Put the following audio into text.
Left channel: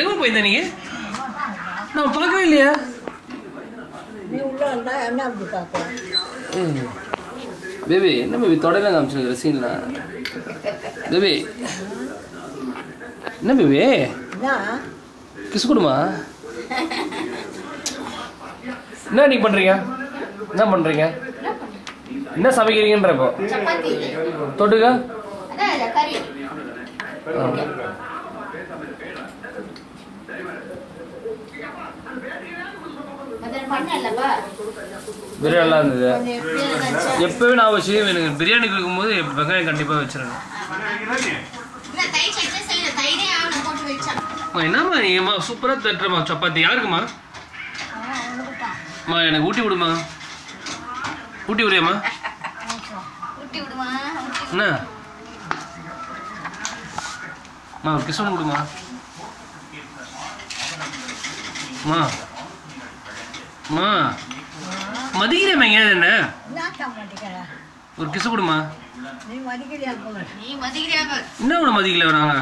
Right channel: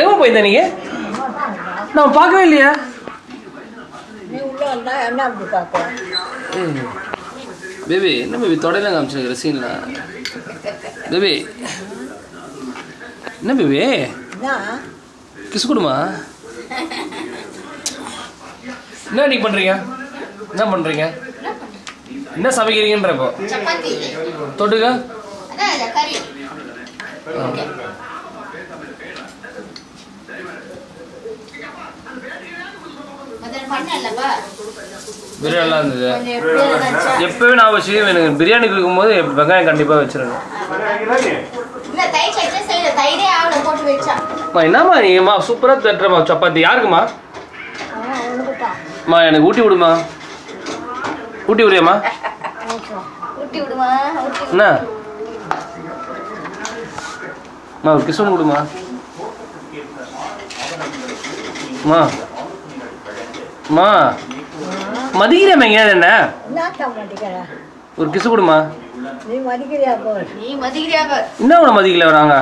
எங்கே போயிருந்த நீங்க? நான் பார்க்கவே இல்லையா? பேபி என்ன பேபி தொடையில காமிச்சிருக்கிற சீன்ல? பேபி என்ன பேபி கிஸ் கொடுமா? என்ன நீங்க பண்றீங்க? என்ன பண்றீங்க? என்ன சமைக்கிறீங்கன்றப்போ தொட்டுக்க பிரியாணி இருந்தது. எப்பவே நான் வச்சு எனக்கு பிரியாணி கொடுக்கும் போது வெங்காயம் கண்டிப்பா வச்சிருங்க. என்னம்மா நீங்கம்மா சூப்பரா தட்டுறமா சப்பாத்தி. யாருக்குமா? அம்மா எனக்கு ஊட்டி விடுமா? ஊட்டி விடுறியாம்மா? என்ன ஒரு கிஸ் ஒன்று விடுமா? அம்மா அம்மா மதிக்கிறேன் எங்கேயாவது என்ன ஒரு கிஸ் கொடுமா? என்ன உன மதிக்கல வராங்க?